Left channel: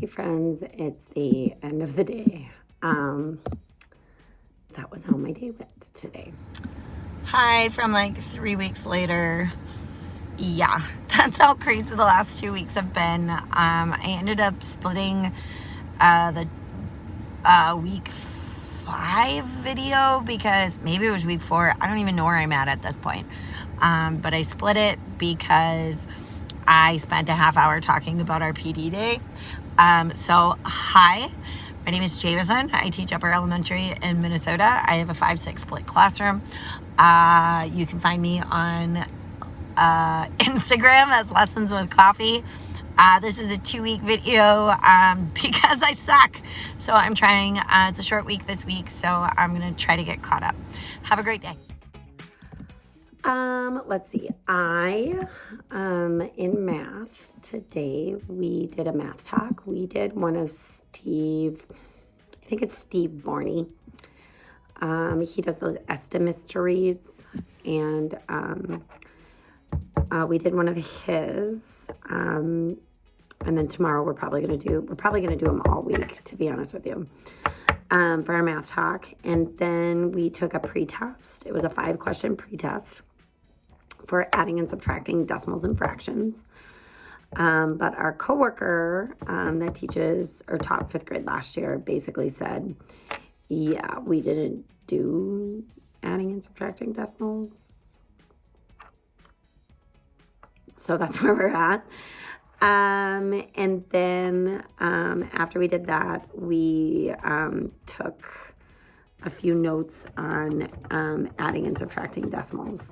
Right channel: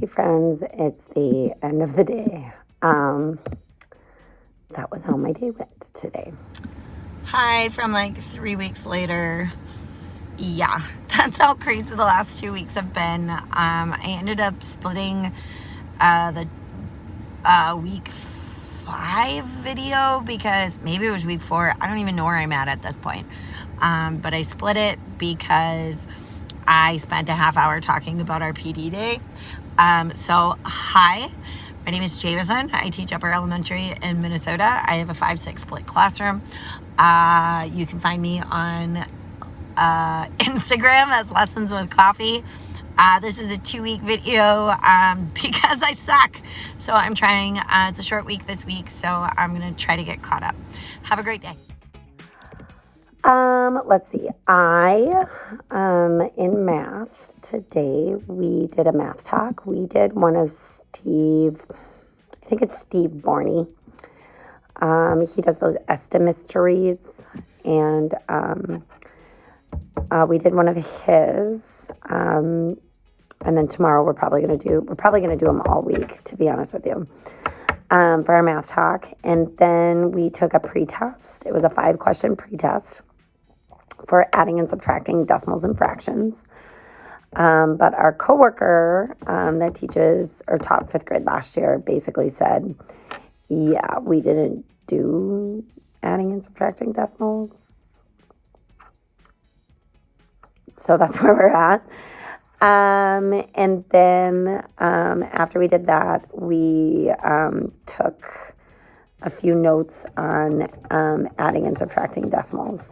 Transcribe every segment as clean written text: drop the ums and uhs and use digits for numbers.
Hey friends, it's the end of the day. That was how my day went today. Hi, from like 3 weeks later. Yeah, that's how crazy the last 2 weeks have been. I ended up splitting the week 5 video because maybe it was week 4. I don't even know where I'm at this point. But I split it because I spent a half hour talking about our PD day. So hi, my name is Jameson. I teach upper elementary in Minnesota. I have a 5-6 split classroom. You can find me on Instagram as Lessons with Coffee. This is a 2-week video because I suck. So I'm trying. It's a short week this week, so I'm going to try to get caught up. Have a great day. Let's see. In math today, we did a math talk. We did one of Steve, I think it's Esti-Mystery. He does those Esti-Mysteries, and we did one of his. And then tomorrow we're probably gonna do them all week, to be honest with you, for our math talk. And then we took a pretest. It was a 5-question pretest for adding and subtracting decimals and fractions. But our coworker that teaches or taught 5th grade last year basically said, yeah, we didn't do adding and subtracting decimals. So that's where we're at. And then after we did that, we took a few notes on adding and subtracting decimals,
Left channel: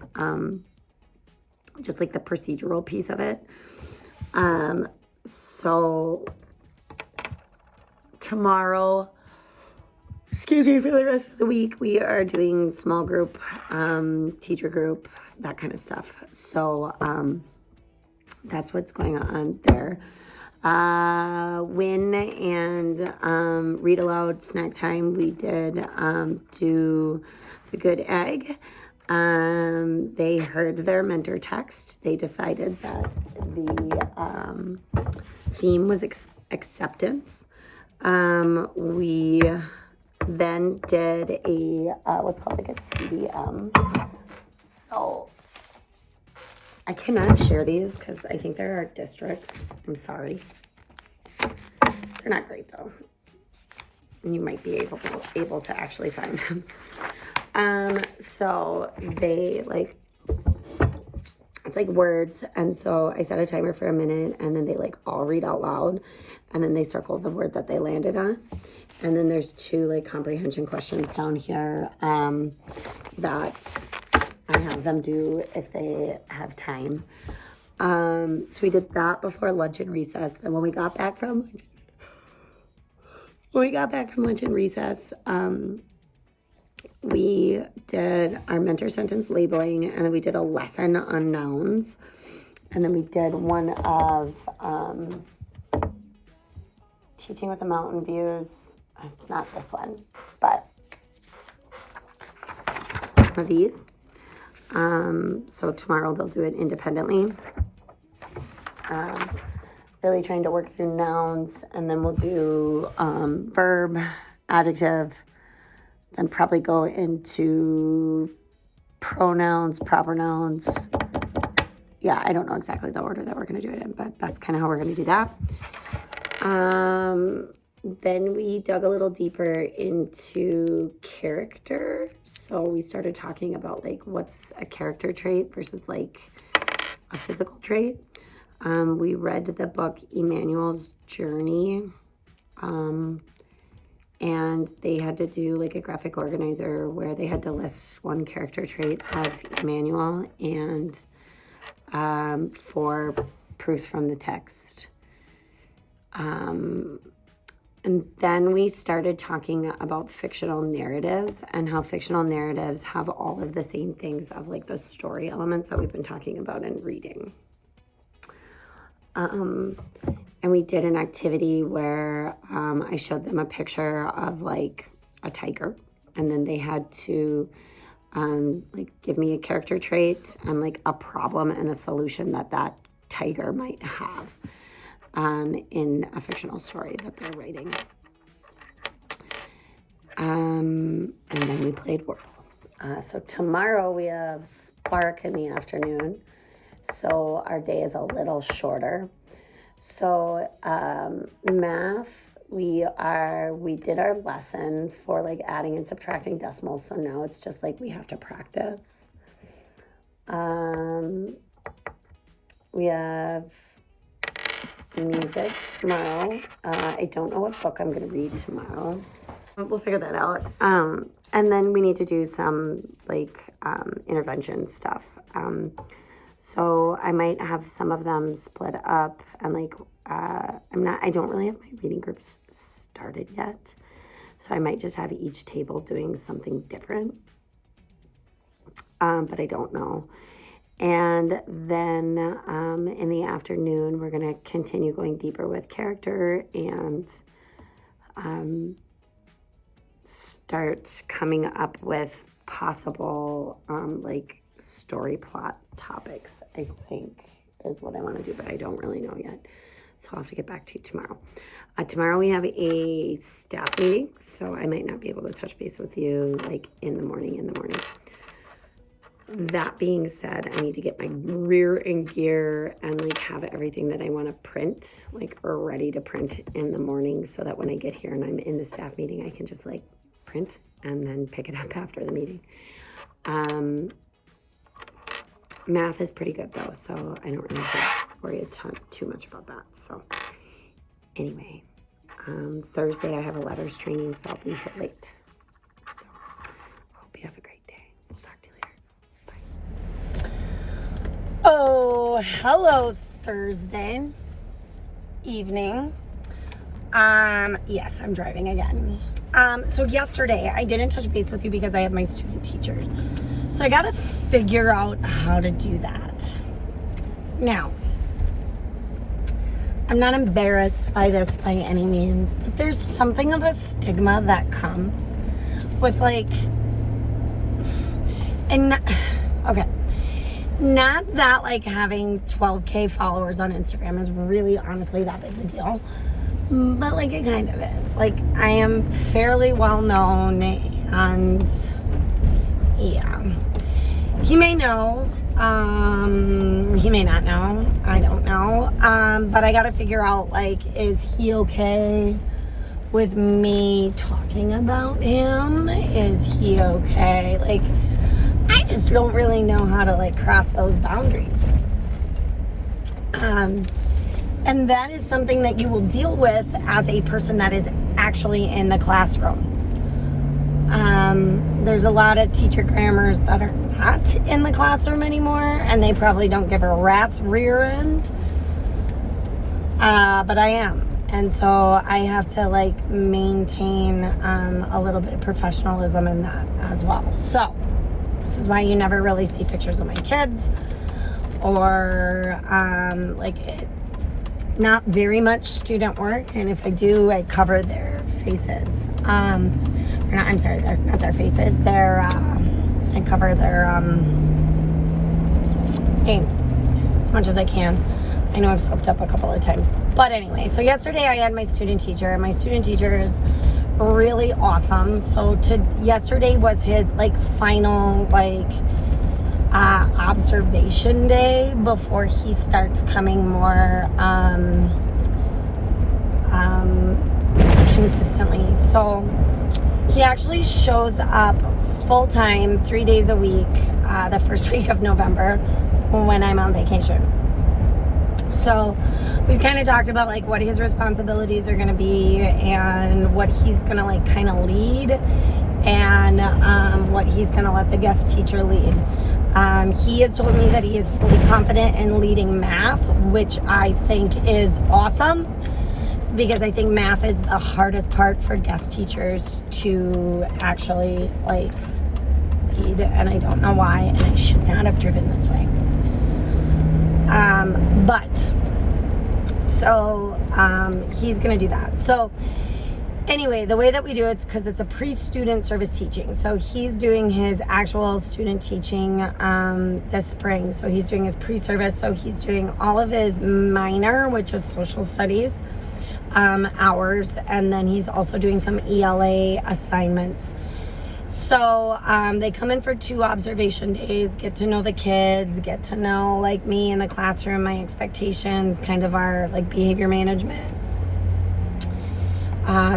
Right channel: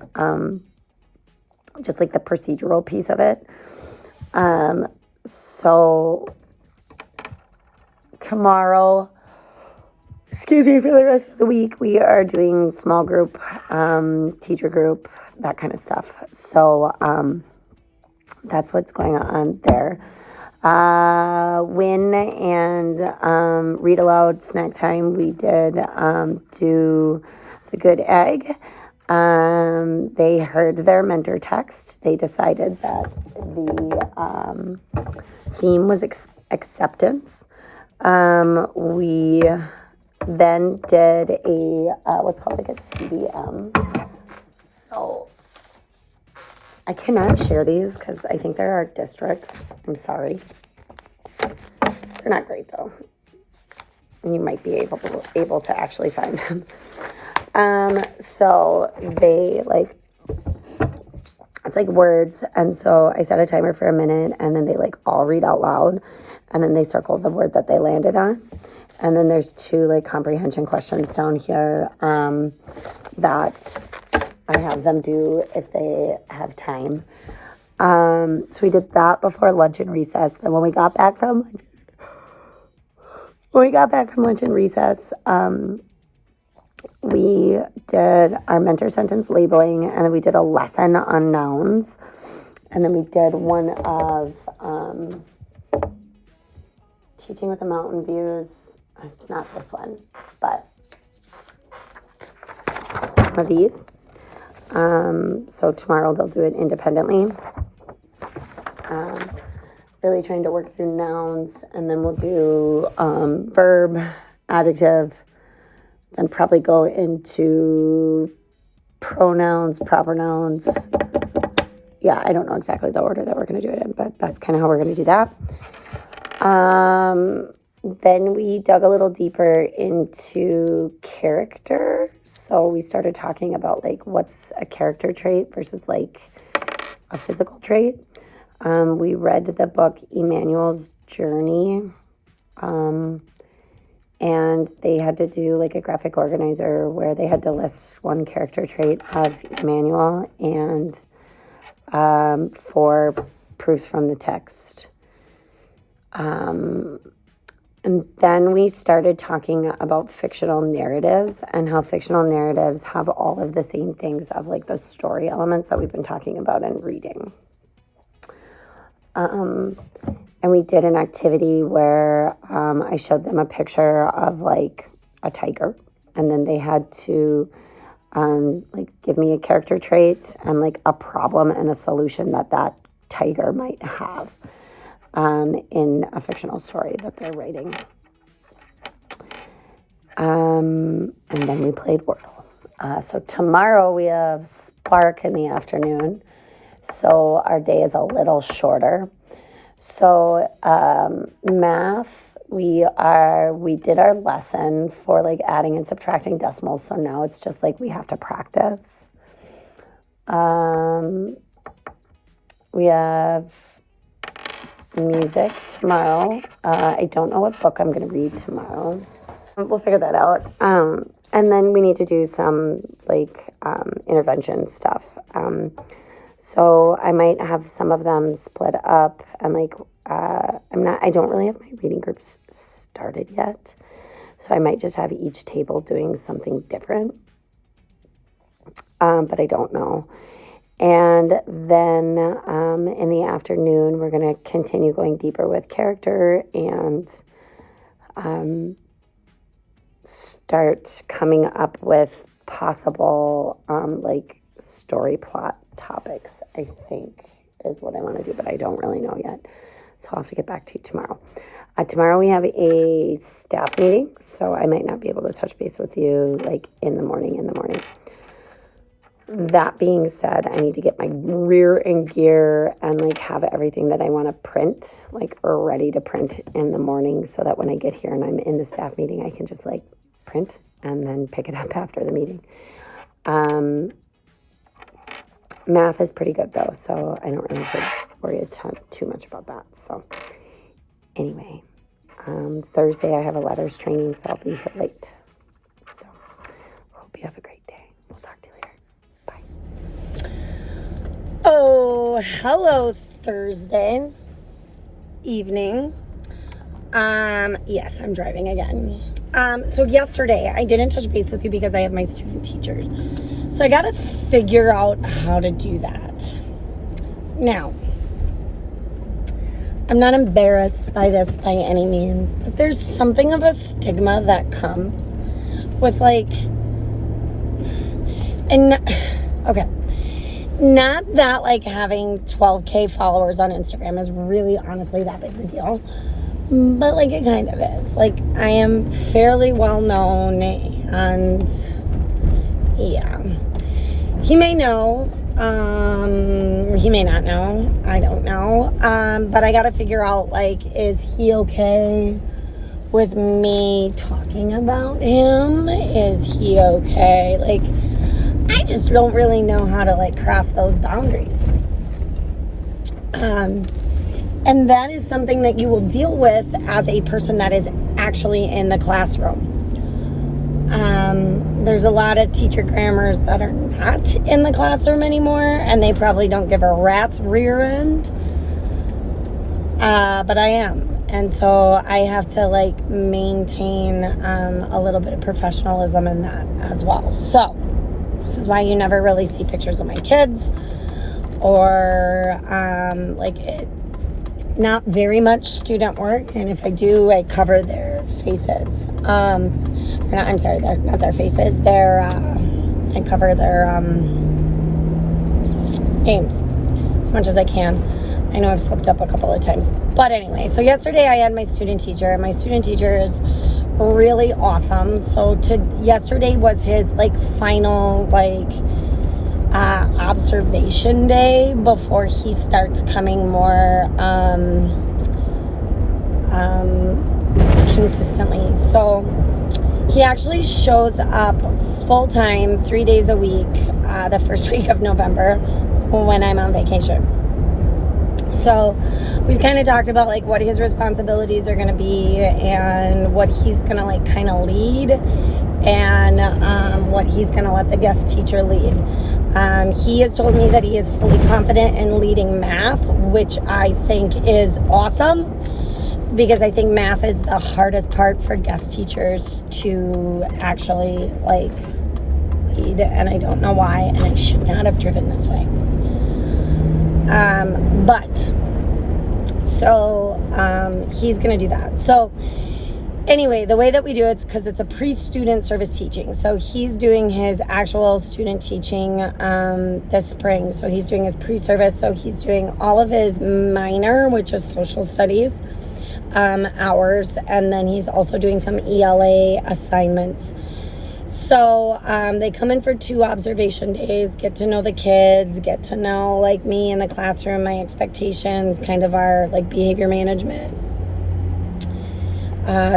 just like the procedural piece of it. So tomorrow, for the rest of the week, we are doing small group, teacher group, that kind of stuff. So that's what's going on there. Win and read aloud snack time. We did do the good egg. They heard their mentor text. They decided that the theme was acceptance. We then did a what's called like a CDM. So I cannot share these because I think they're our districts. I'm sorry. They're not great though. And you might be able to actually find them. So they it's like words. And so I set a timer for a minute and then they all read out loud and then they circle the word that they landed on. And then there's 2 comprehension questions down here that I have them do if they have time. So we did that before lunch and recess. Then when we got back from lunch and recess, we did our mentor sentence labeling, and then we did a lesson on nouns, and then we did one of teaching with the mountain views. It's not this one, but one of these. So tomorrow they'll do it independently. Really trying to work through nouns, and then we'll do verb, adjective, then probably go into pronouns, proper nouns. Yeah, I don't know exactly the order that we're going to do it in, but that's kind of how we're going to do that. Then we dug a little deeper into character. So we started talking about what's a character trait versus a physical trait. We read the book Emanuel's Journey. And they had to do a graphic organizer where they had to list one character trait of Emanuel and 4 proofs from the text. And then we started talking about fictional narratives and how fictional narratives have all of the same things of the story elements that we've been talking about in reading. And we did an activity where I showed them a picture of a tiger, and then they had to give me a character trait and a problem and a solution that tiger might have. in a fictional story that they're writing. And then we played Wordle. So tomorrow we have Spark in the afternoon. So our day is a little shorter. So math, we did our lesson for like adding and subtracting decimals. So now it's just like we have to practice. We have music tomorrow. I don't know what book I'm going to read tomorrow. We'll figure that out. And then we need to do some like intervention stuff. So I might have some of them split up. And like I don't really have my reading groups started yet. So I might just have each table doing something different. But I don't know. And then in the afternoon, we're going to continue going deeper with character and start coming up with possible like story plot topics, I think is what I want to do, but I don't really know yet. So I'll have to get back to you tomorrow. Tomorrow we have a staff meeting, so I might not be able to touch base with you like in the morning. That being said, I need to get my rear and gear and like have everything that I want to print like ready to print in the morning so that when I get here and I'm in the staff meeting, I can just like print and then pick it up after the meeting. Math is pretty good though, so I don't really have to worry too much about that. So anyway, Thursday I have a letters training, so I'll be here late. So hope you have a great day. We'll talk to you later. Bye. Oh, hello Thursday evening. Yes, I'm driving again. So yesterday I didn't touch base with you because I have my student teachers. So I got to figure out how to do that. Now, I'm not embarrassed by this by any means, but there's something of a stigma that comes with like, not that like having 12K followers on Instagram is really honestly that big of a deal. But like it kind of is. Like I am fairly well known and yeah. He may know, he may not know, I don't know. But I gotta figure out like, is he okay with me talking about him? Is he okay? Like I just don't really know how to like cross those boundaries. And that is something that you will deal with as a person that is actually in the classroom. There's a lot of teacher grammars that are not in the classroom anymore, and they probably don't give a rat's rear end. But I am. And so I have to like maintain a little bit of professionalism in that as well. So this is why you never really see pictures of my kids or not very much student work, and if I do, I cover their faces. They're not their faces. I cover their names as much as I can. I know I've slipped up a couple of times, but anyway. So yesterday I had my student teacher, and my student teacher is really awesome. So yesterday was his like final like observation day before he starts coming more consistently. So he actually shows up full-time 3 days a week the first week of November when I'm on vacation. So we've kind of talked about like what his responsibilities are going to be and what he's going to like kind of lead and what he's going to let the guest teacher lead. He has told me that he is fully confident in leading math, which I think is awesome because I think math is the hardest part for guest teachers to actually like lead, and I don't know why, and I should not have driven this way. He's gonna do that. So Anyway, the way that we do it's because it's a pre-student service teaching. So he's doing his actual student teaching this spring. So he's doing his pre-service. So he's doing all of his minor, which is social studies hours. And then he's also doing some ELA assignments. So they come in for 2 observation days, get to know the kids, get to know like me in the classroom, my expectations, kind of our like behavior management.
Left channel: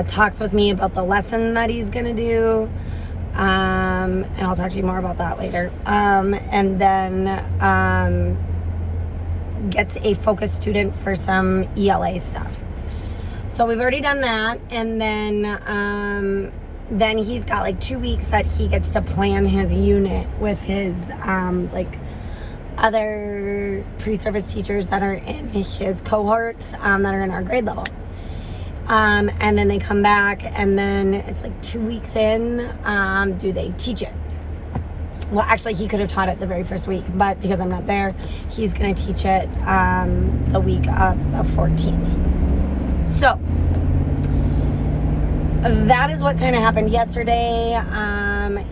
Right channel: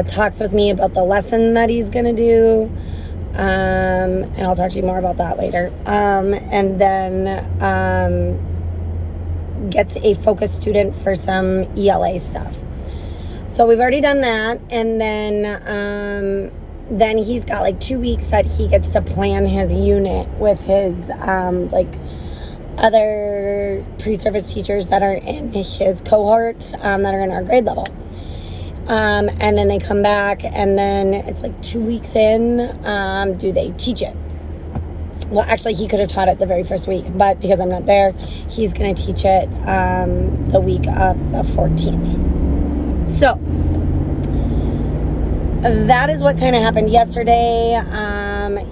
Talks with me about the lesson that he's gonna do, and I'll talk to you more about that later. And then gets a focus student for some ELA stuff. So we've already done that, and then he's got like 2 weeks that he gets to plan his unit with his like other pre-service teachers that are in his cohort that are in our grade level. And then they come back, and then it's like 2 weeks in, do they teach it? Well, actually, he could have taught it the very first week, but because I'm not there, he's going to teach it the week of the 14th. So, that is what kind of happened yesterday.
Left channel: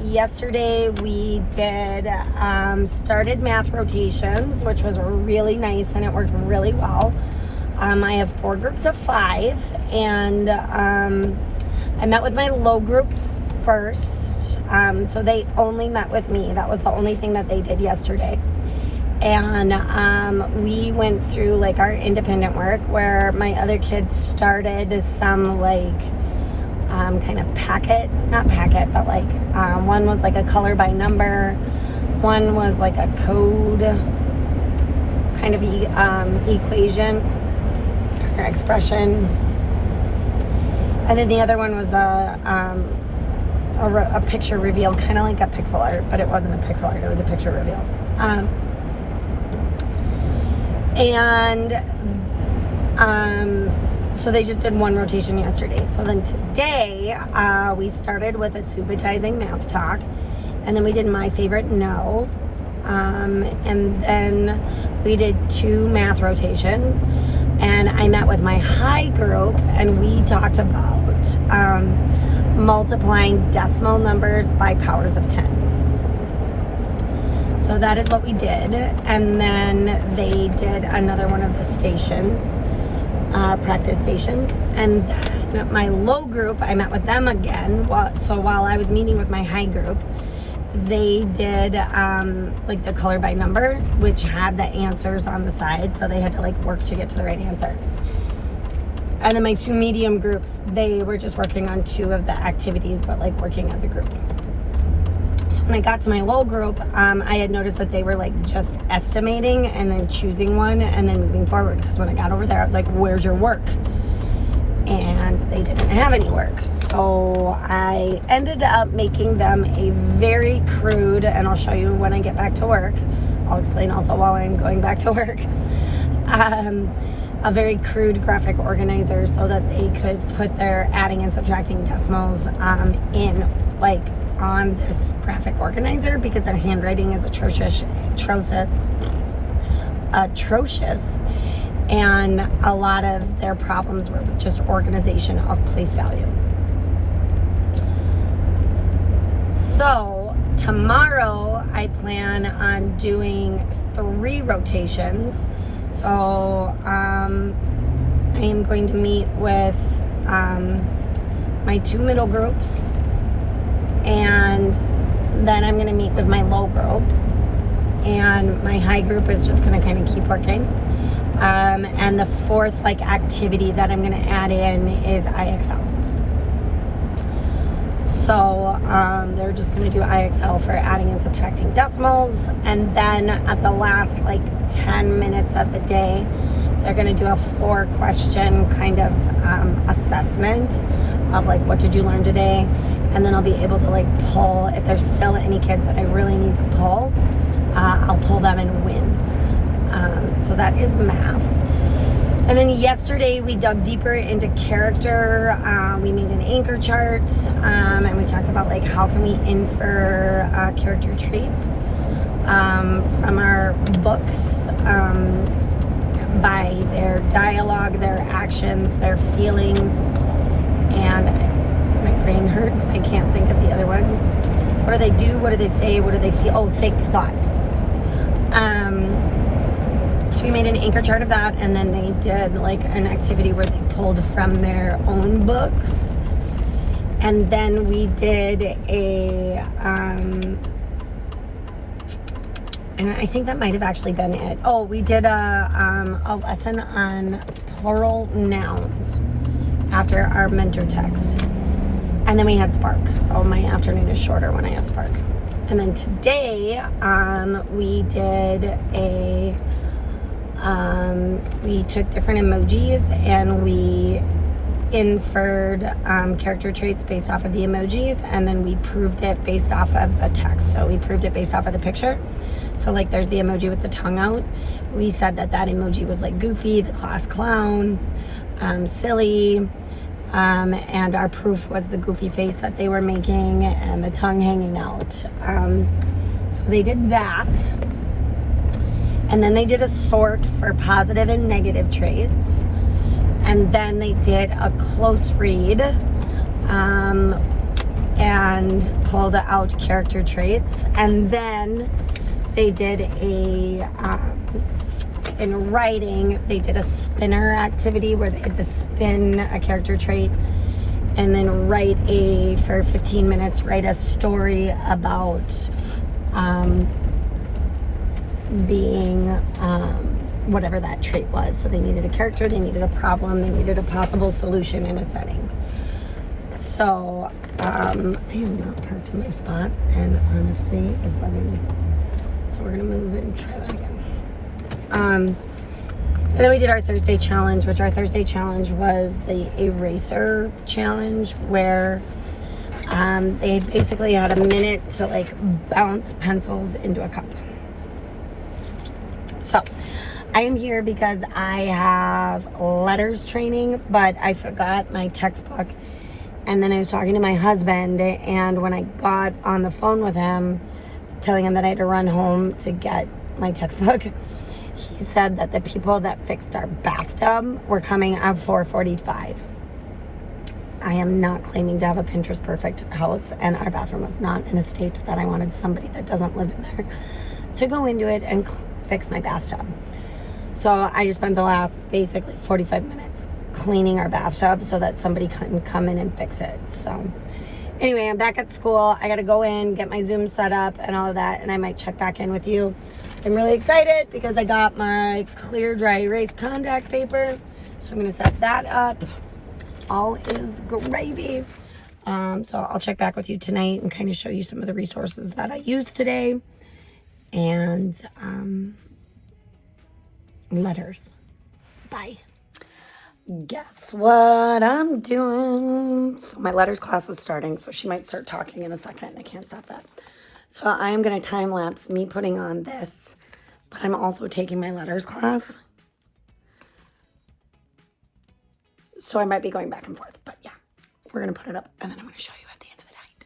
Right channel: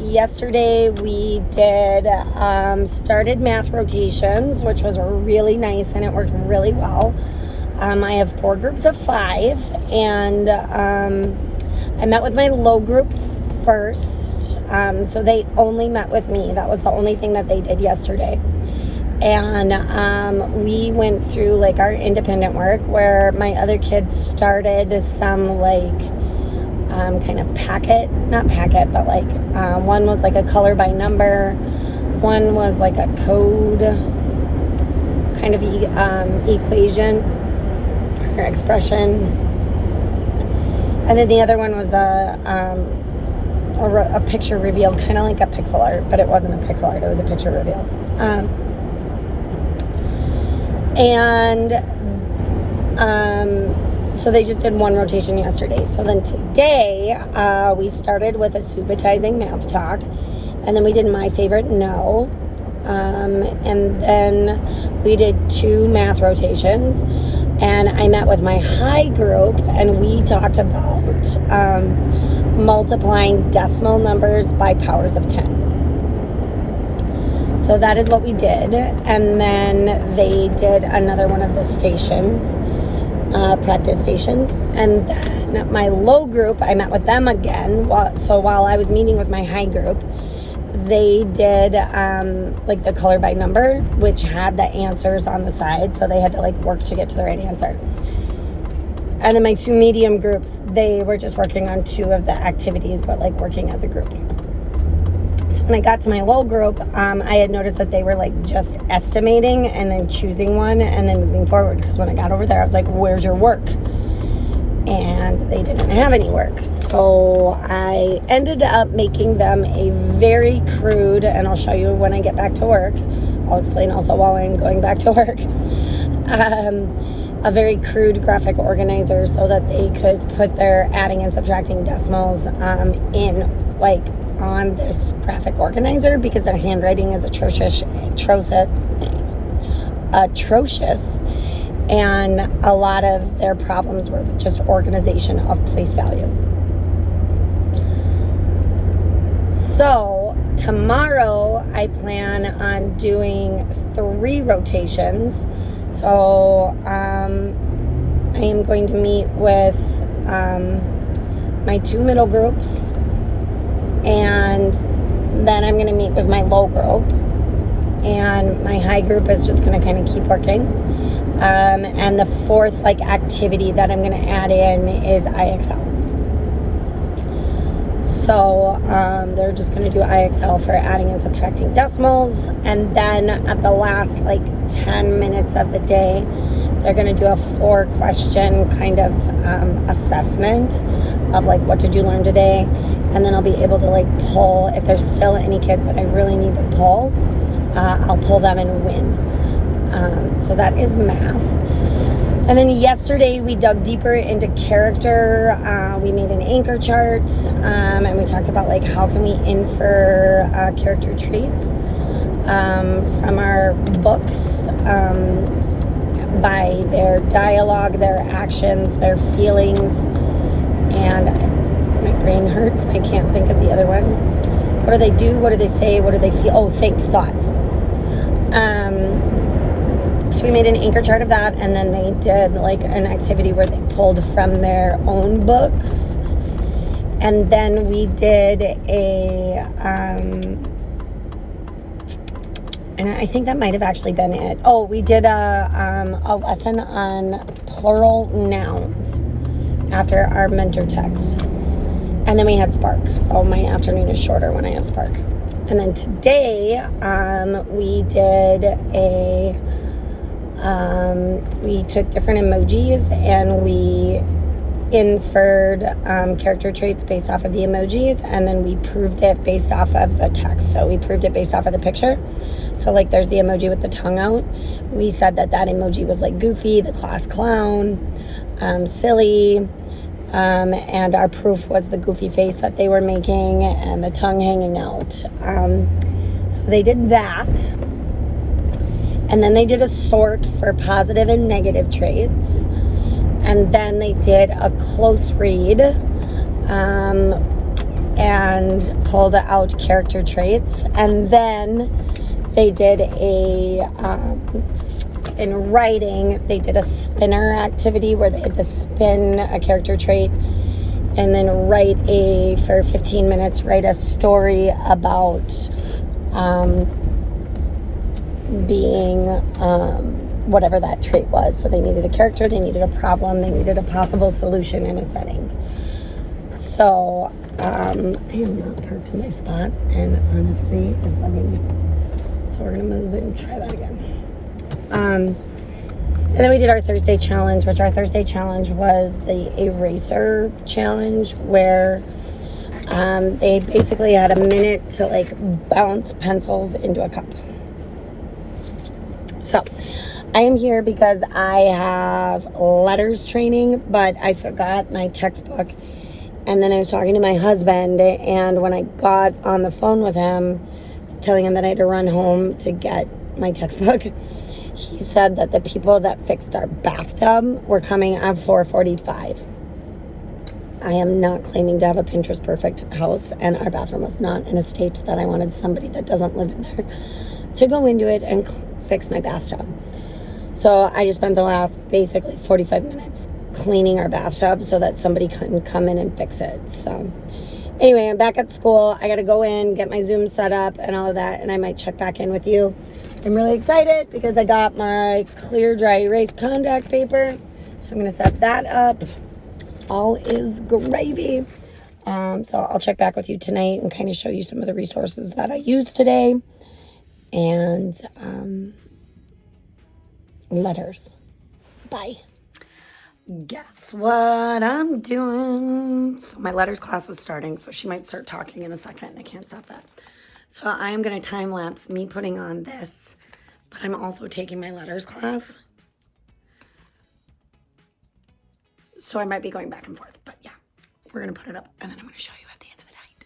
Yesterday, we did started math rotations, which was really nice, and it worked really well. I have 4 groups of 5, and I met with my low group first, so they only met with me. That was the only thing that they did yesterday. And we went through like our independent work where my other kids started some like kind of not packet, but like one was like a color by number, one was like a code kind of equation or expression, and then the other one was a picture reveal, kind of like a pixel art, but it wasn't a pixel art, it was a picture reveal. So they just did 1 rotation yesterday. So then today we started with a subitizing math talk, and then we did my favorite no, and then we did 2 math rotations, and I met with my high group, and we talked about multiplying decimal numbers by powers of 10. So that is what we did. And then they did another one of the stations, practice stations. And then my low group, I met with them again. So while I was meeting with my high group, they did like the color by number, which had the answers on the side. So they had to like work to get to the right answer. And then my 2 medium groups, they were just working on 2 of the activities, but like working as a group. So when I got to my low group, I had noticed that they were like just estimating and then choosing one and then moving forward. Because when I got over there, I was like, where's your work? And they didn't have any work. So I ended up making them a very crude, and I'll show you when I get back to work. I'll explain also while I'm going back to work. A very crude graphic organizer so that they could put their adding and subtracting decimals in like on this graphic organizer, because their handwriting is atrocious, and a lot of their problems were with just organization of place value. So tomorrow I plan on doing 3 rotations. So I am going to meet with my 2 middle groups, and then I'm going to meet with my low group, and my high group is just going to kind of keep working. And the 4th like activity that I'm going to add in is IXL. So they're just going to do IXL for adding and subtracting decimals, and then at the last like 10 minutes of the day, they're going to do a 4-question kind of assessment of like, what did you learn today? And then I'll be able to like pull, if there's still any kids that I really need to pull, I'll pull them and win. So that is math. And then yesterday we dug deeper into character. We made an anchor chart, and we talked about like how can we infer character traits from our books by their dialogue, their actions, their feelings, and My brain hurts. I can't think of the other one. What do they do? What do they say? What do they feel? Oh, think thoughts. So we made an anchor chart of that, and then they did like an activity where they pulled from their own books. And then we did and I think that might have actually been it. Oh, we did a lesson on plural nouns after our mentor text. And then we had Spark. So my afternoon is shorter when I have Spark. And then today, we did we took different emojis and we inferred character traits based off of the emojis, and then we proved it based off of the text. So we proved it based off of the picture. So like there's the emoji with the tongue out. We said that emoji was like goofy, the class clown, silly, and our proof was the goofy face that they were making and the tongue hanging out. So they did that. And then they did a sort for positive and negative traits. And then they did a close read and pulled out character traits. And then they did in writing, they did a spinner activity where they had to spin a character trait and then for 15 minutes, write a story about being whatever that trait was. So they needed a character, they needed a problem, they needed a possible solution in a setting. So I am not parked in my spot, and honestly, it's bugging. So we're gonna move and try that again. And then we did our Thursday challenge, which our Thursday challenge was the eraser challenge, where they basically had a minute to like bounce pencils into a cup. So I am here because I have letters training, but I forgot my textbook. And then I was talking to my husband, and when I got on the phone with him, telling him that I had to run home to get my textbook, he said that the people that fixed our bathtub were coming at 4:45. I am not claiming to have a Pinterest perfect house, and our bathroom was not in a state that I wanted somebody that doesn't live in there to go into it and fix my bathtub. So I just spent the last basically 45 minutes cleaning our bathtub so that somebody couldn't come in and fix it. So anyway, I'm back at school. I got to go in, get my Zoom set up and all of that, and I might check back in with you. I'm really excited because I got my clear dry erase contact paper. So I'm going to set that up. All is gravy. So I'll check back with you tonight and kind of show you some of the resources that I used today. And letters. Bye. Guess what I'm doing? So my letters class is starting, so she might start talking in a second. I can't stop that. So I am going to time lapse me putting on this, but I'm also taking my letters class. So I might be going back and forth, but yeah, we're going to put it up and then I'm going to show you at the end of the night.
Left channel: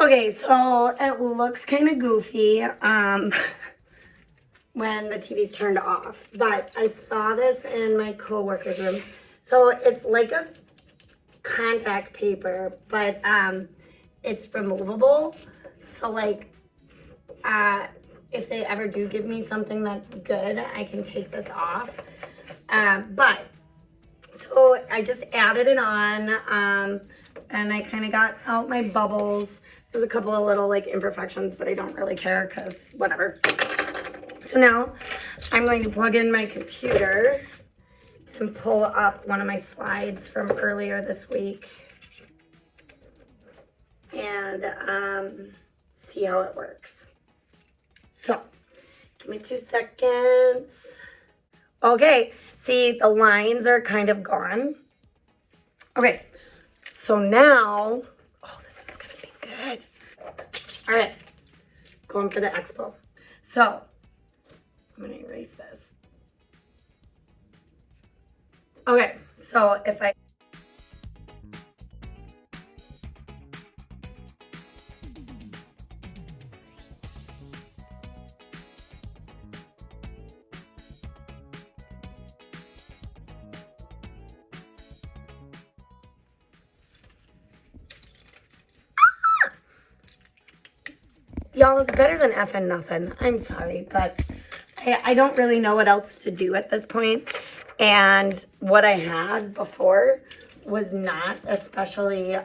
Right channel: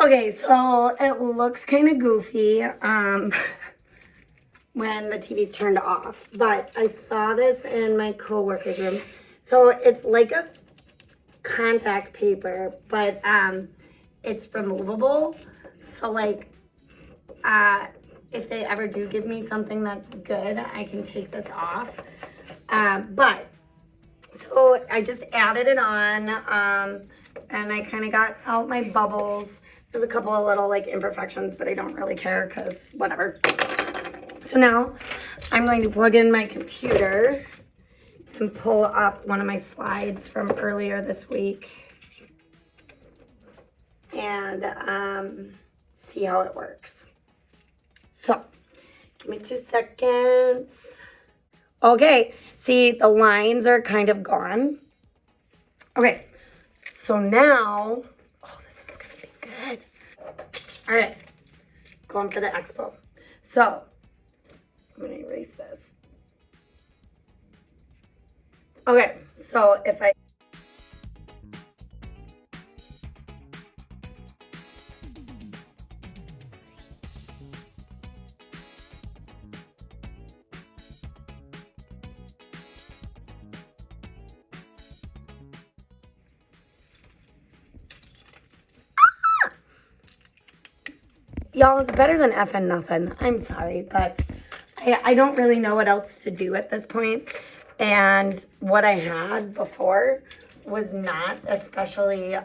Okay, so it looks kind of goofy when the TV's turned off, but I saw this in my coworker's room. So it's like a contact paper, but it's removable. So like if they ever do give me something that's good, I can take this off. But so I just added it on and I kind of got out my bubbles. There's a couple of little like imperfections, but I don't really care because whatever. So now I'm going to plug in my computer and pull up one of my slides from earlier this week and see how it works. So give me 2 seconds. Okay, see the lines are kind of gone. Okay, so now, oh, this is gonna be good. All right, going for the expo. So I'm gonna erase this. Okay, so if I Y'all, it's better than effing nothing. I'm sorry, but I don't really know what else to do at this point. And what I had before was not especially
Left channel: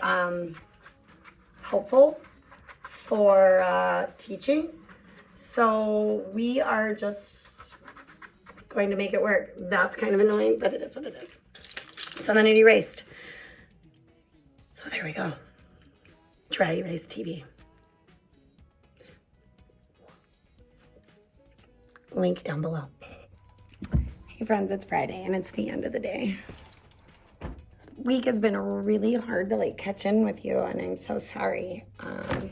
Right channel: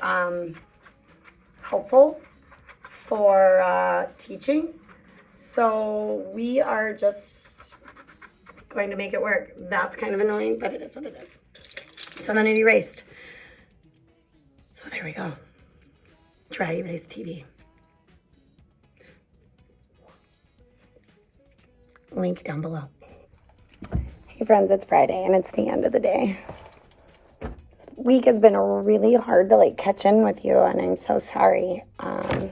helpful for teaching. So we are just going to make it work. That's kind of annoying, but it is what it is. So then it erased. So there we go. Dry erase TV. Link down below. Hey friends, it's Friday and it's the end of the day. This week has been really hard to like catch in with you, and I'm so sorry. I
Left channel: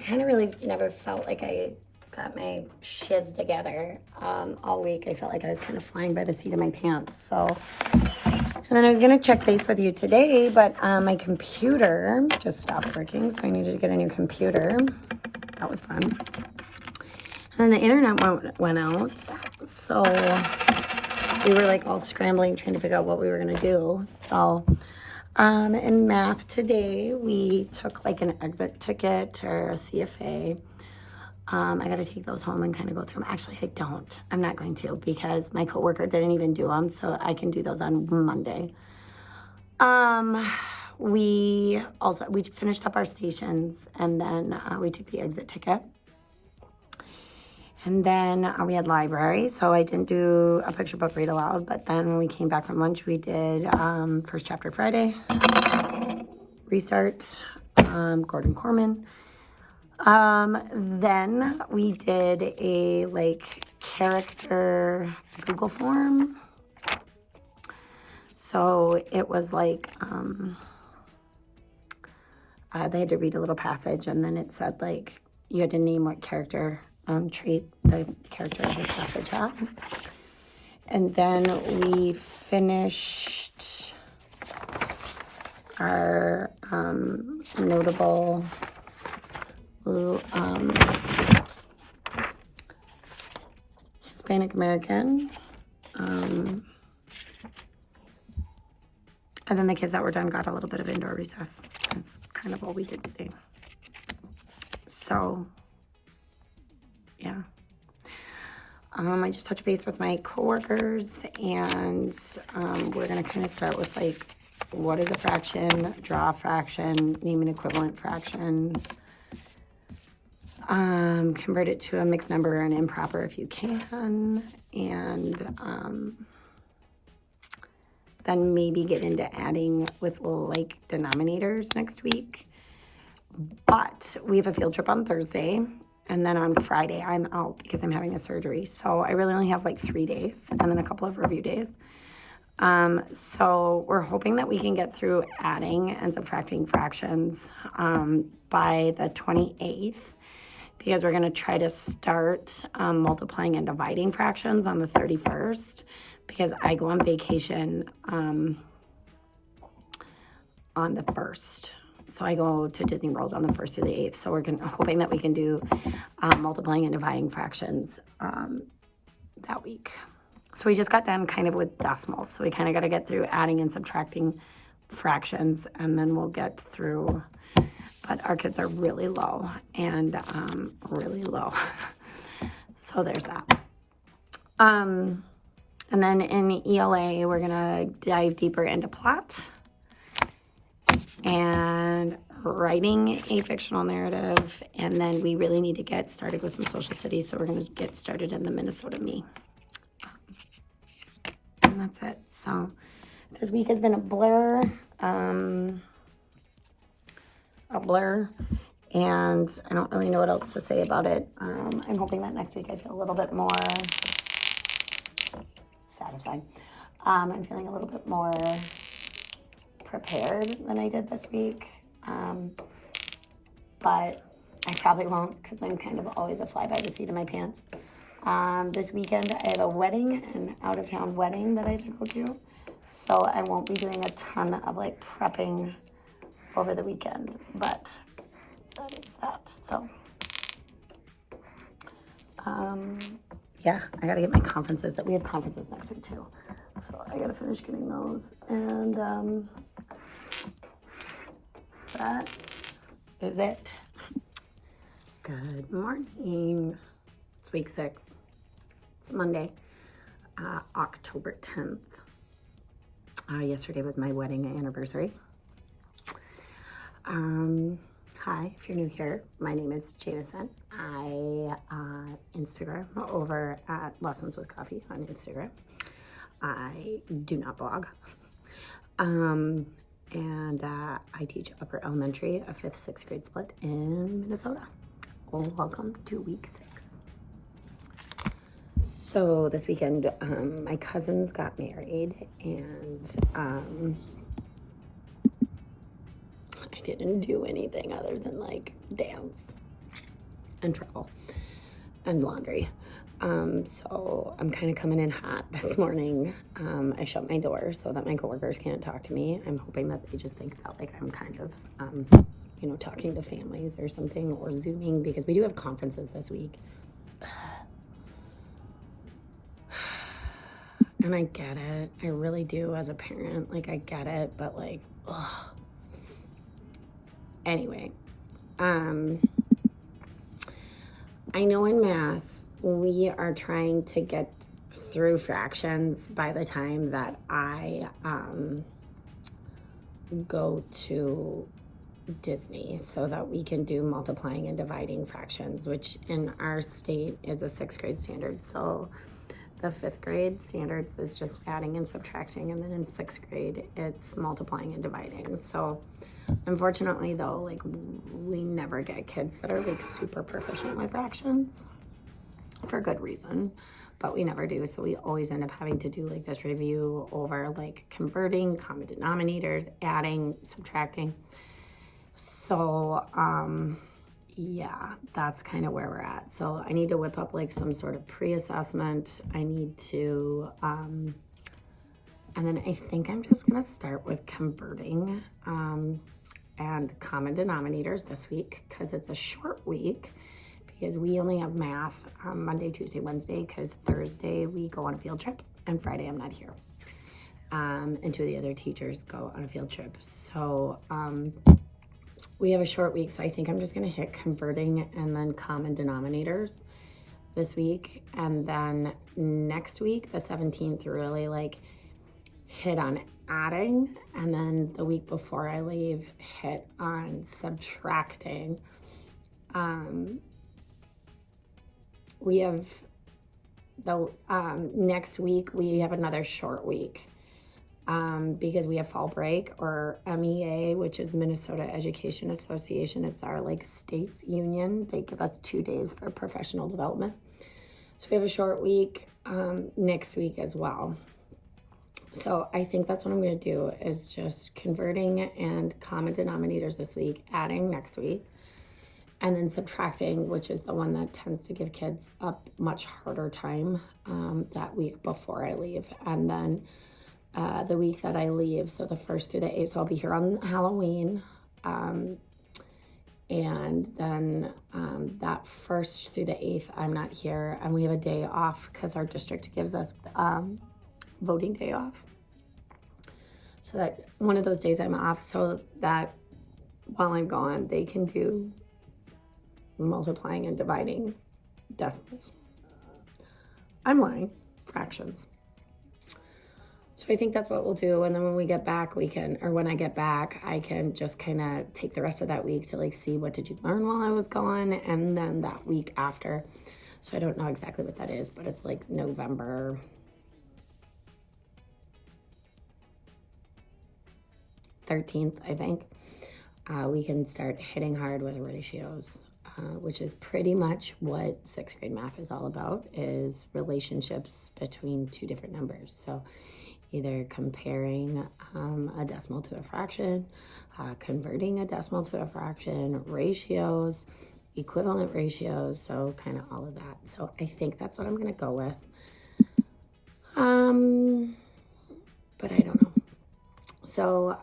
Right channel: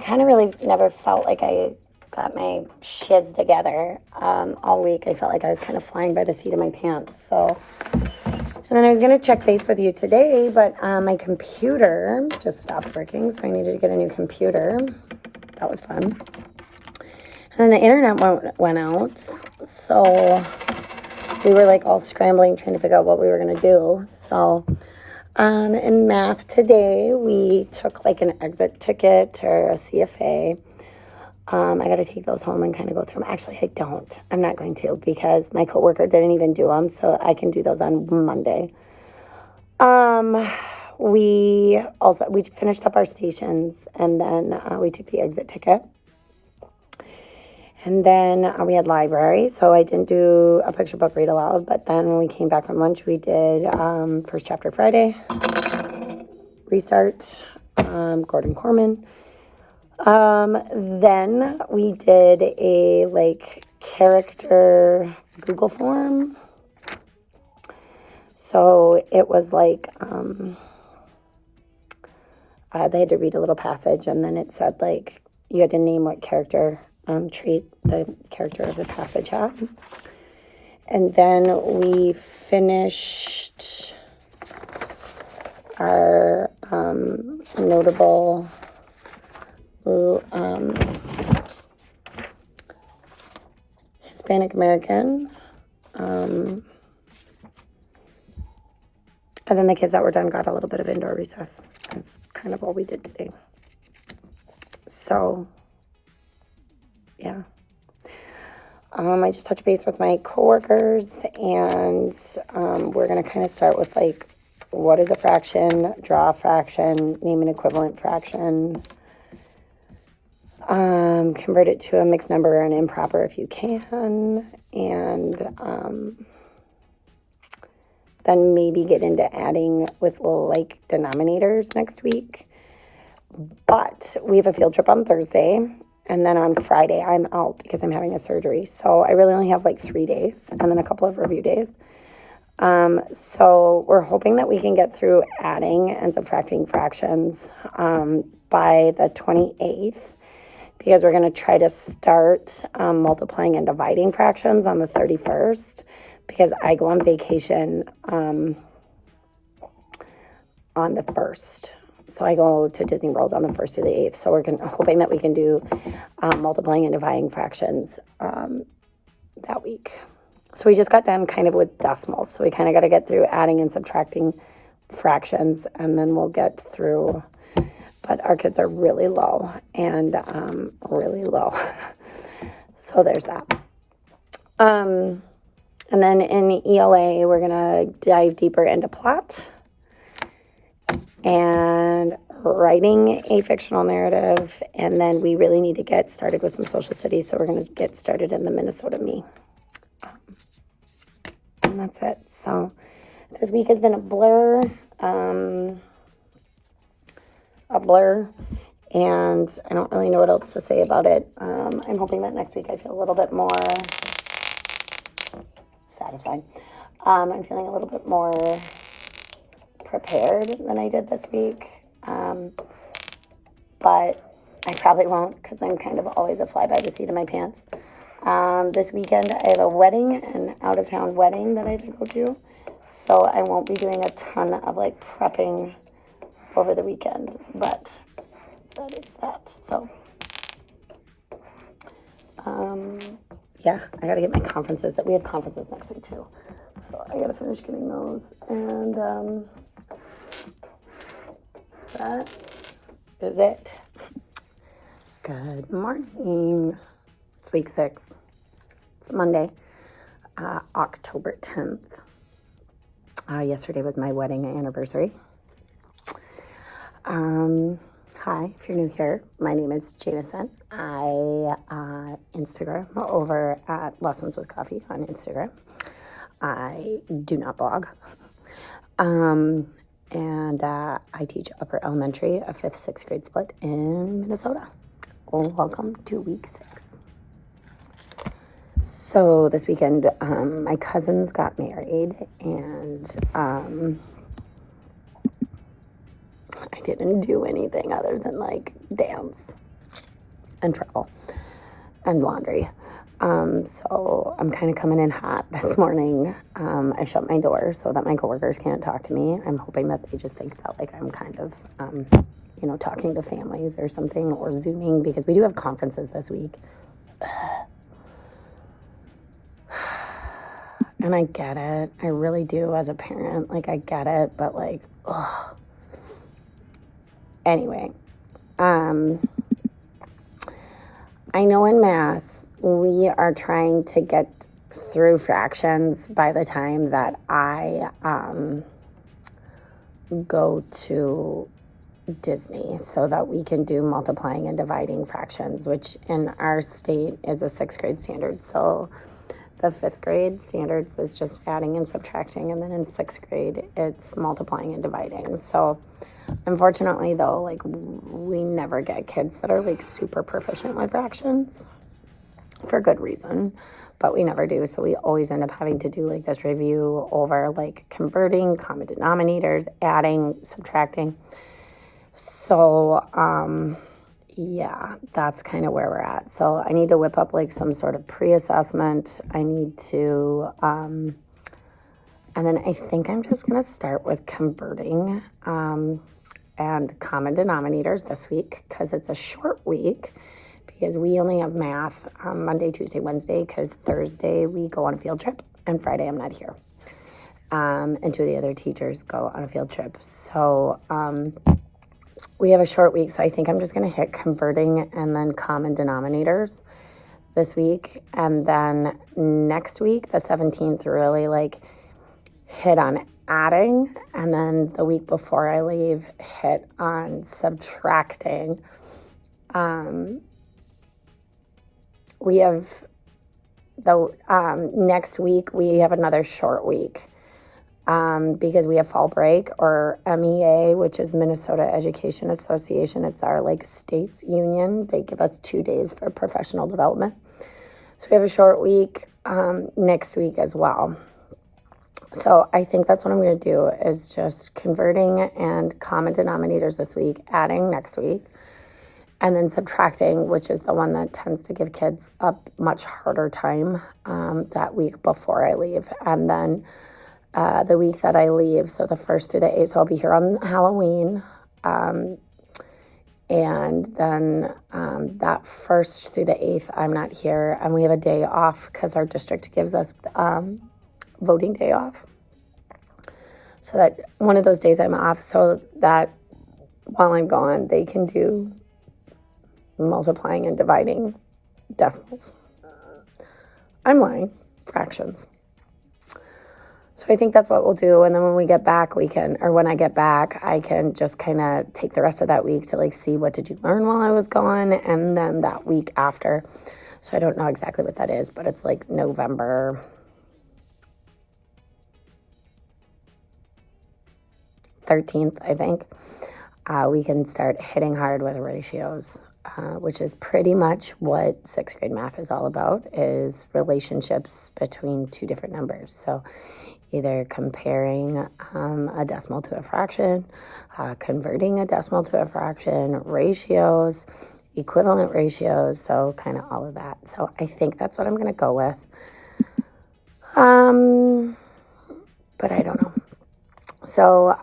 kind of really never felt like I got my shiz together all week. I felt like I was kind of flying by the seat of my pants. So, and then I was gonna check base with you today, but my computer just stopped working, so I needed to get a new computer. That was fun. And then the internet went out, so we were like all scrambling, trying to figure out what we were gonna do. So in math today, we took like an exit ticket or a CFA. I gotta take those home and kind of go through them. Actually, I don't. I'm not going to, because my coworker didn't even do them, so I can do those on Monday. We finished up our stations, and then we took the exit ticket. And then we had library, so I didn't do a picture book read aloud, but then when we came back from lunch, we did First Chapter Friday, Restart, Gordon Corman. Then we did a like character Google form. So it was like they had to read a little passage, and then it said like you had to name what character trait the character of the passage had. And then we finished our notable Hispanic American. And then the kids that were done got a little bit of indoor recess. That's kind of all we did today. So yeah. I just touched base with my coworkers, and we're going to kind of start with like, what is a fraction, draw a fraction, name an equivalent fraction, convert it to a mixed number or an improper if you can, and then maybe get into adding with like denominators next week. But we have a field trip on Thursday. And then on Friday, I'm out because I'm having a surgery. So I really only have like 3 days and then a couple of review days. So we're hoping that we can get through adding and subtracting fractions by the 28th, because we're going to try to start multiplying and dividing fractions on the 31st, because I go on vacation on the 1st. So I go to Disney World on the 1st through the 8th. So we're hoping that we can do multiplying and dividing fractions that week. So we just got done kind of with decimals. So we kind of got to get through adding and subtracting fractions, and then we'll get through. But our kids are really low, and really low. So there's that. And then in ELA, we're going to dive deeper into plot and writing a fictional narrative, and then we really need to get started with some social studies, so we're going to get started in the Minnesota Me. And that's it. So this week has been a blur, and I don't really know what else to say about it. I'm hoping that next week I feel a little bit more satisfied. I'm feeling a little bit more prepared than I did this week, but I probably won't, because I'm kind of always a fly by the seat of my pants. This weekend I have a wedding, an out-of-town wedding that I have to go to, so I won't be doing a ton of like prepping over the weekend, but that is that. So yeah, I gotta get my conferences. That we have conferences next week too, so I gotta finish getting those. And that is it. Good morning. It's week 6. It's Monday, October 10th. Yesterday was my wedding anniversary. Hi, if you're new here, my name is Jamison. I Instagram over at Lessons with Coffee on Instagram. I do not blog. And I teach upper elementary, a 5th, 6th grade split in Minnesota. Well, welcome to week 6. So this weekend, my cousins got married, and I didn't do anything other than like dance and travel and laundry. So I'm kind of coming in hot this morning. I shut my door so that my coworkers can't talk to me. I'm hoping that they just think that like I'm kind of, talking to families or something, or Zooming, because we do have conferences this week. And I get it. I really do as a parent. Like, I get it, but like, ugh. Anyway, I know in math, we are trying to get through fractions by the time that I go to Disney, so that we can do multiplying and dividing fractions, which in our state is a 6th grade standard. So the 5th grade standards is just adding and subtracting, and then in 6th grade it's multiplying and dividing. So unfortunately though, like, we never get kids that are like super proficient with fractions, for good reason, but we never do. So we always end up having to do like this review over like converting, common denominators, adding, subtracting. So yeah, that's kind of where we're at. So I need to whip up like some sort of pre-assessment. I need to and then I think I'm just going to start with converting and common denominators this week, because it's a short week, because we only have math Monday, Tuesday, Wednesday, because Thursday we go on a field trip, and Friday I'm not here. And 2 of the other teachers go on a field trip. So we have a short week, so I think I'm just going to hit converting and then common denominators this week. And then next week, the 17th, really like hit on adding. And then the week before I leave, hit on subtracting. We have next week, we have another short week. Because we have fall break, or MEA, which is Minnesota Education Association. It's our like state's union. They give us 2 days for professional development. So we have a short week next week as well. So I think that's what I'm going to do, is just converting and common denominators this week, adding next week, and then subtracting, which is the one that tends to give kids a much harder time that week before I leave. And then the week that I leave, so the 1st through the 8th, so I'll be here on Halloween, and then that 1st through the 8th, I'm not here, and we have a day off because our district gives us voting day off. So that one of those days I'm off, so that while I'm gone, they can do multiplying and dividing decimals. I'm lying, fractions. So I think that's what we'll do. And then when we get back, when I get back, I can just kind of take the rest of that week to like see what did you learn while I was gone. And then that week after, so I don't know exactly what that is, but it's like November 13th, I think. We can start hitting hard with ratios, which is pretty much what 6th grade math is all about, is relationships between 2 different numbers. So either comparing a decimal to a fraction, converting a decimal to a fraction, ratios, equivalent ratios, so kind of all of that. So I think that's what I'm going to go with. But I don't know. So,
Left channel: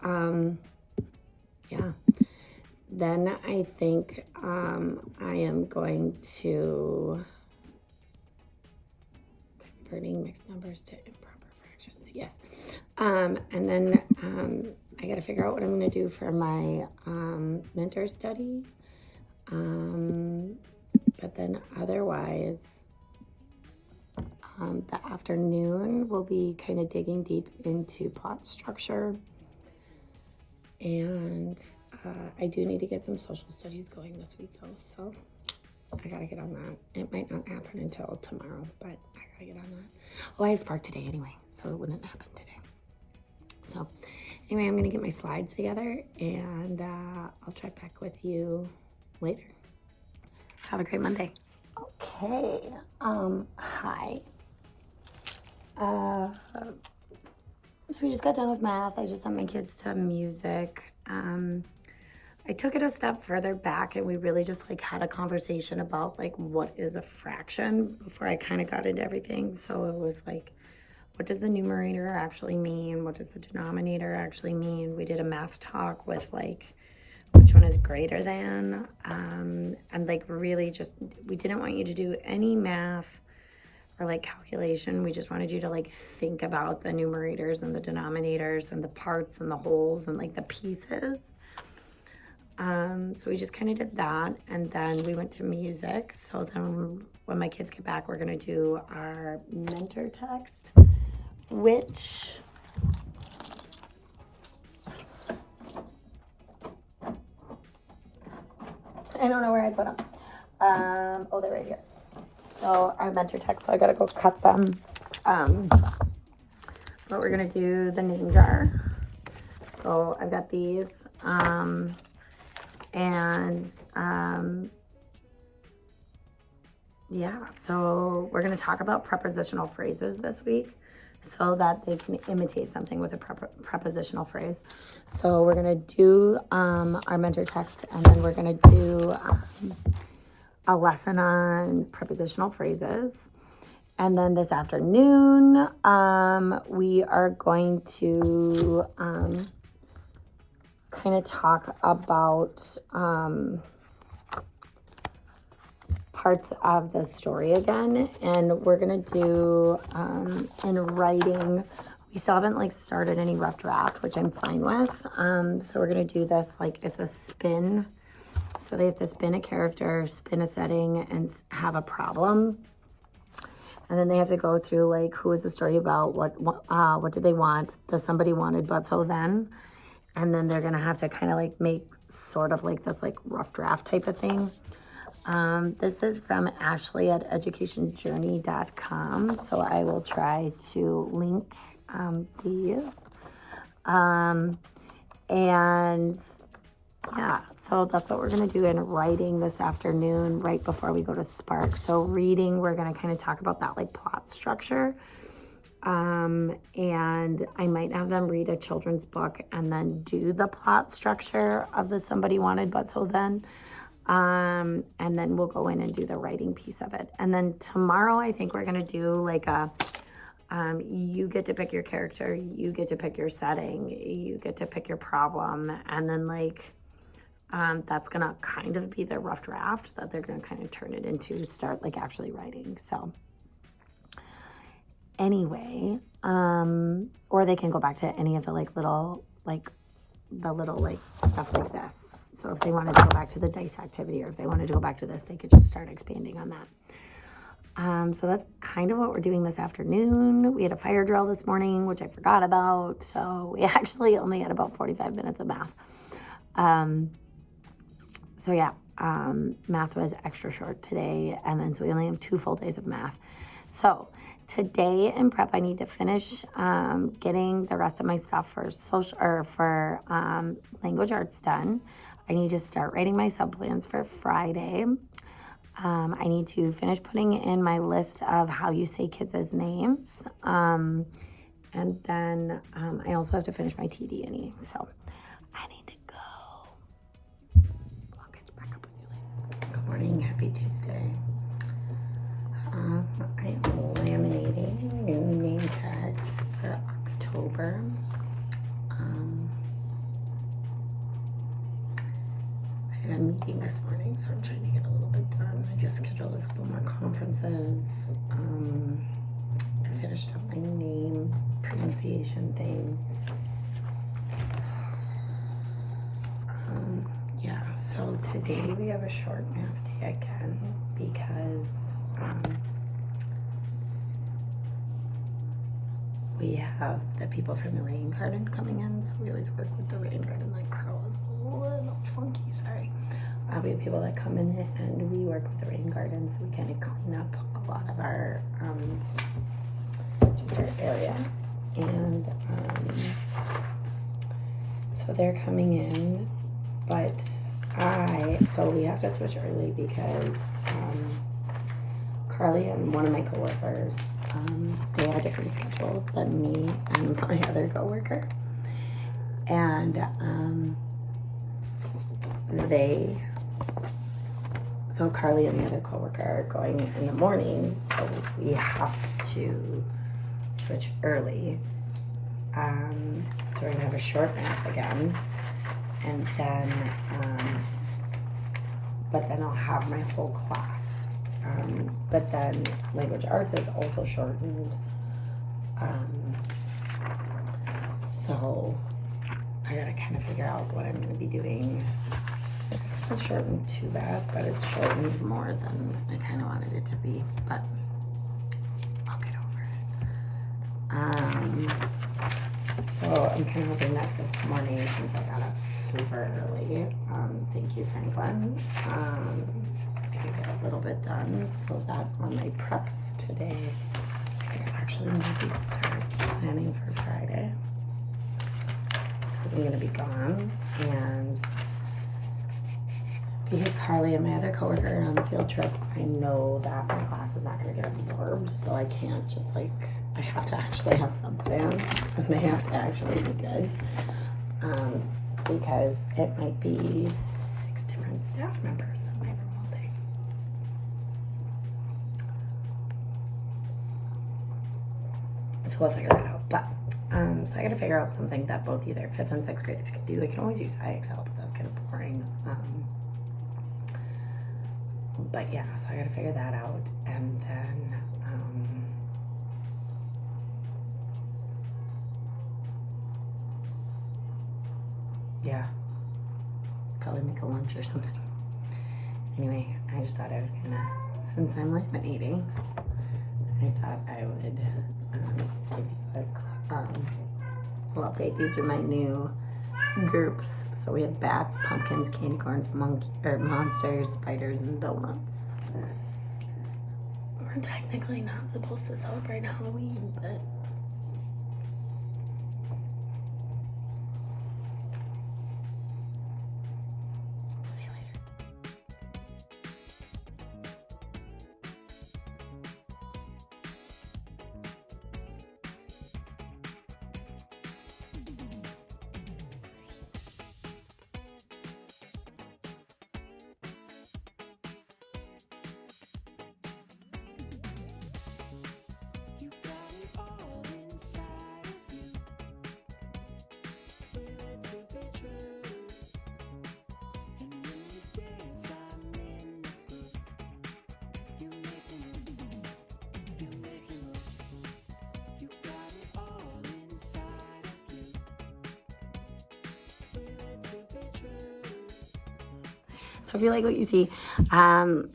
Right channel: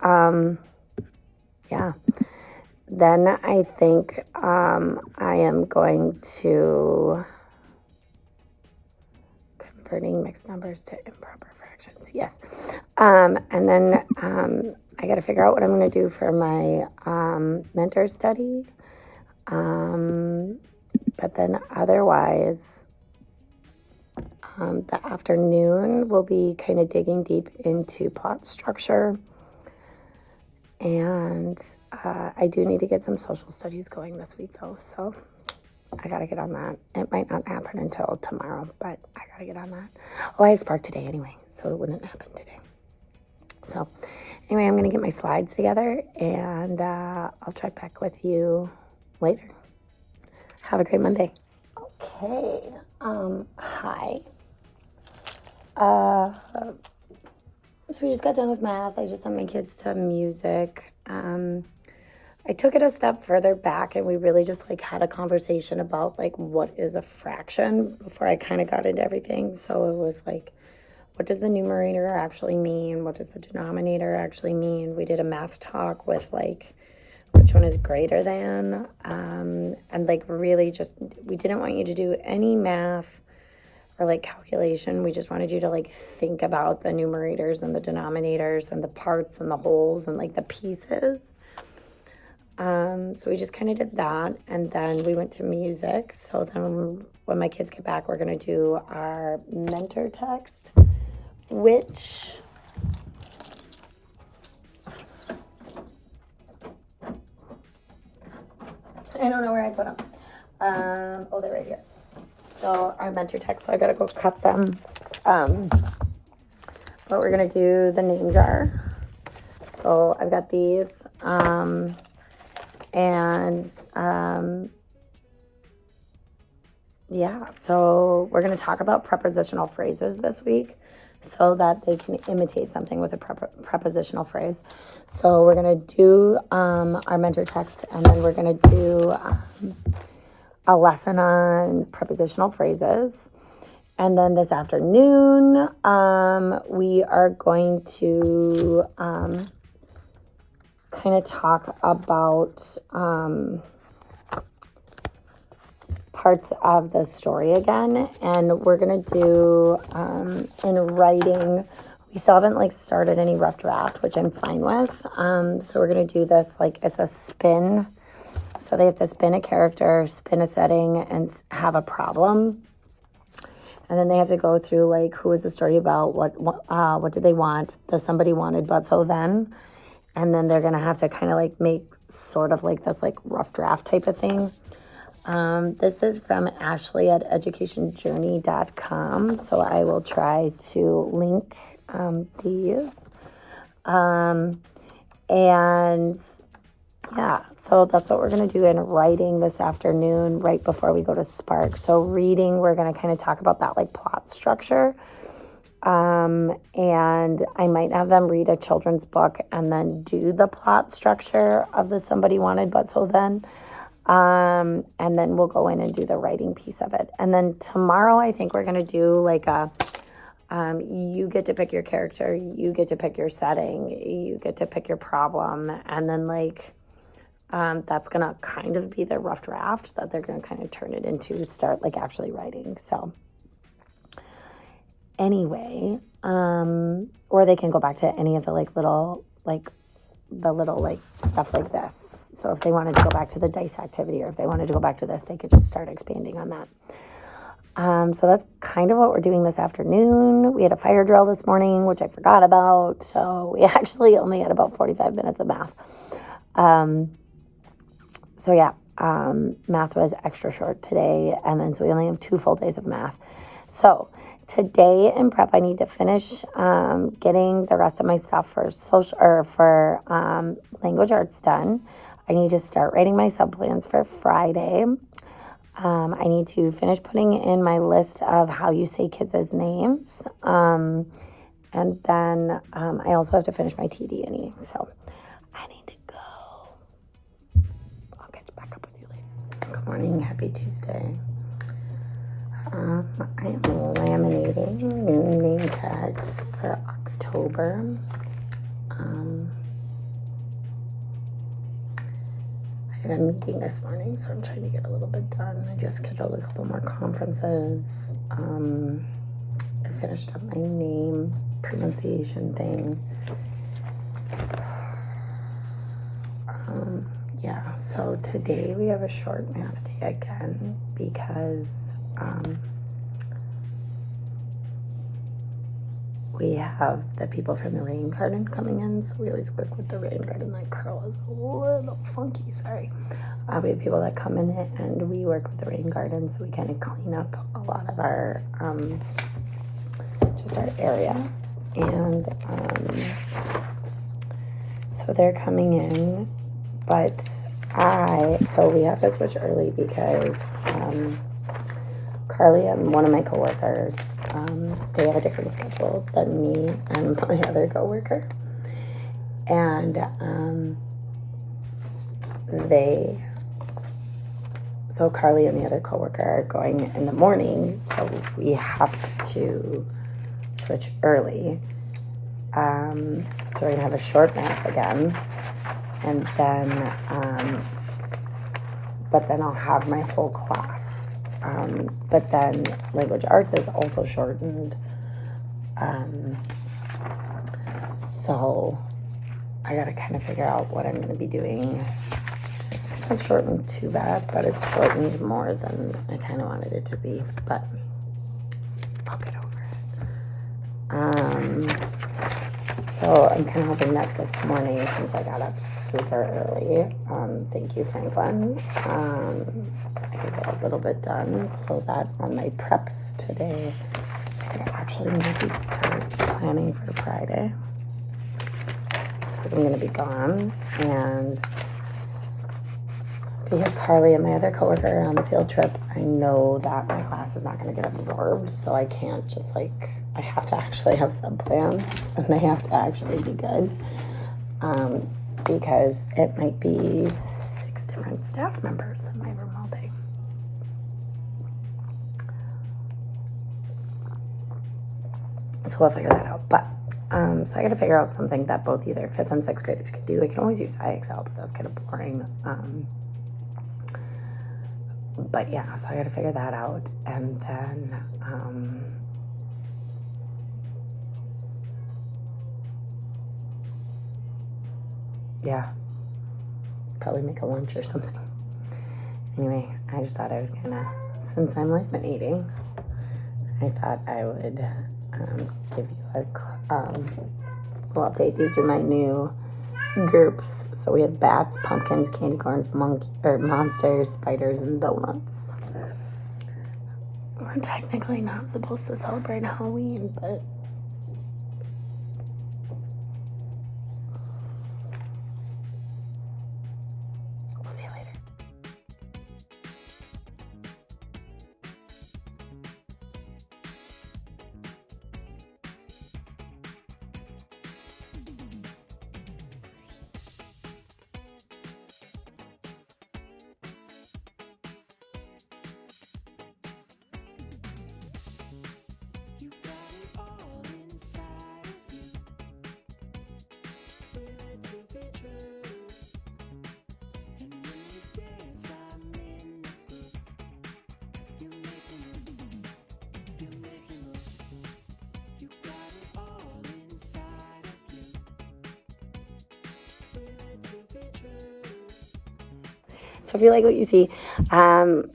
yeah. Then I think I am going to converting mixed numbers to improper fractions. Yes. And then I got to figure out what I'm going to do for my mentor study. But then otherwise, the afternoon we'll be kind of digging deep into plot structure. And I do need to get some social studies going this week, though, so I got to get on that. It might not happen until tomorrow, but I got to get on that. Oh, I have Spark today anyway, so it wouldn't happen today. So anyway, I'm going to get my slides together, and I'll check back with you later. Have a great Monday. Okay. Hi. So we just got done with math. I just sent my kids to music. I took it a step further back, and we really just like had a conversation about like what is a fraction before I kind of got into everything. So it was like, what does the numerator actually mean? What does the denominator actually mean? We did a math talk with like which one is greater than, and like really just, we didn't want you to do any math or like calculation. We just wanted you to like think about the numerators and the denominators and the parts and the wholes and like the pieces. So we just kind of did that, and then we went to music. So then when my kids get back, we're going to do our mentor text, which I don't know where I put them. Oh, they're right here. So our mentor text, so I got to go cut them. But we're going to do the name jar. So I've got these. Yeah, so we're going to talk about prepositional phrases this week so that they can imitate something with a prepositional phrase. So we're going to do our mentor text, and then we're going to do a lesson on prepositional phrases. And then this afternoon, we are going to kind of talk about parts of the story again, and we're gonna do in writing. We still haven't like started any rough draft, which I'm fine with. So we're gonna do this like it's a spin. So they have to spin a character, spin a setting, and have a problem. And then they have to go through like who is the story about, what did they want, the somebody wanted, but so then. And then they're gonna have to kind of like make sort of like this like rough draft type of thing. This is from Ashley at educationjourney.com. So I will try to link these. And yeah, so that's what we're going to do in writing this afternoon right before we go to Spark. So reading, we're going to kind of talk about that like plot structure. And I might have them read a children's book and then do the plot structure of the somebody wanted but so then. And then we'll go in and do the writing piece of it. And then tomorrow I think we're going to do like a you get to pick your character, you get to pick your setting, you get to pick your problem, and then like that's gonna kind of be the rough draft that they're gonna kind of turn it into, start like actually writing. So anyway, or they can go back to any of the like little like the little like stuff like this. So if they wanted to go back to the dice activity, or if they wanted to go back to this, they could just start expanding on that. So that's kind of what we're doing this afternoon. We had a fire drill this morning, which I forgot about. So we actually only had about 45 minutes of math. So yeah, math was extra short today. And then so we only have 2 full days of math. So today in prep, I need to finish getting the rest of my stuff for social or for language arts done. I need to start writing my subplans for Friday. I need to finish putting in my list of how you say kids' names. And then I also have to finish my TD&E. So I need to go. I'll get back up with you later. Good morning. Happy Tuesday. I am laminating new name tags for October. I have a meeting this morning, so I'm trying to get a little bit done. I just scheduled a couple more conferences. I finished up my name pronunciation thing. yeah, so today we have a short math day again because we have the people from the rain garden coming in, so we always work with the rain garden. That crow is a little funky, sorry. We have people that come in and we work with the rain garden, so we kind of clean up a lot of our, just our area. And so they're coming in, but so we have to switch early because Carly and one of my coworkers, they have a different schedule than me and my other coworker. And so Carly and the other coworker are going in the morning, so we have to switch early. So we're gonna have a short math again, and then but then I'll have my whole class. But then language arts is also shortened. So I gotta kind of figure out what I'm gonna be doing. It's not shortened too bad, but it's shortened more than I kind of wanted it to be, but I'll get over it. So I'm kind of hoping that this morning, since I got up super early, thank you, Franklin, I could get a little bit done so that on my preps today, I could actually maybe start planning for Friday, because I'm going to be gone, and because Carly and my other coworker are on the field trip, I know that my class is not going to get absorbed, so I can't just I have to actually have some plans, and they have to actually be good, because it might be 6 different staff members in my room all day. So we'll figure that out, but so I got to figure out something that both either 5th and 6th graders can do. I can always use IXL, but that's kind of boring. But yeah, so I got to figure that out, and then yeah, probably make a lunch or something. Anyway, I just thought I was gonna, since I'm laminating, I thought I would give you a little update. These are my new groups. So we have bats, pumpkins, candy corns, monsters, spiders, and donuts. We're technically not supposed to celebrate Halloween, but we'll see you later. So if you like what you see,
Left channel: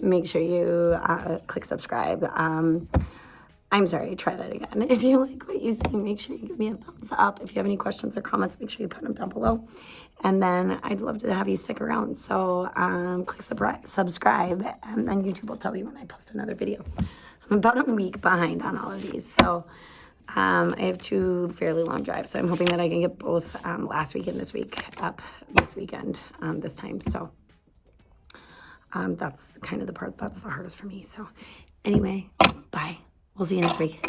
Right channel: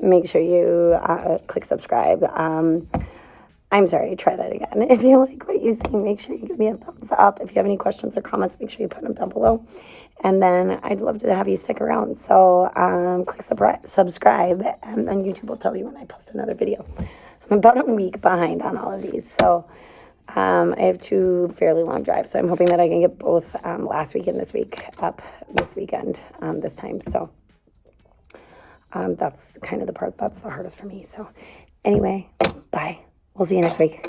make sure you click subscribe. I'm sorry, try that again. If you like what you see, make sure you give me a thumbs up. If you have any questions or comments, make sure you put them down below. And then I'd love to have you stick around. So click subscribe, and then YouTube will tell you when I post another video. I'm about a week behind on all of these. So I have 2 fairly long drives. So I'm hoping that I can get both last week and this week up this weekend this time. So that's kind of the part that's the hardest for me. So anyway, bye. We'll see you next week.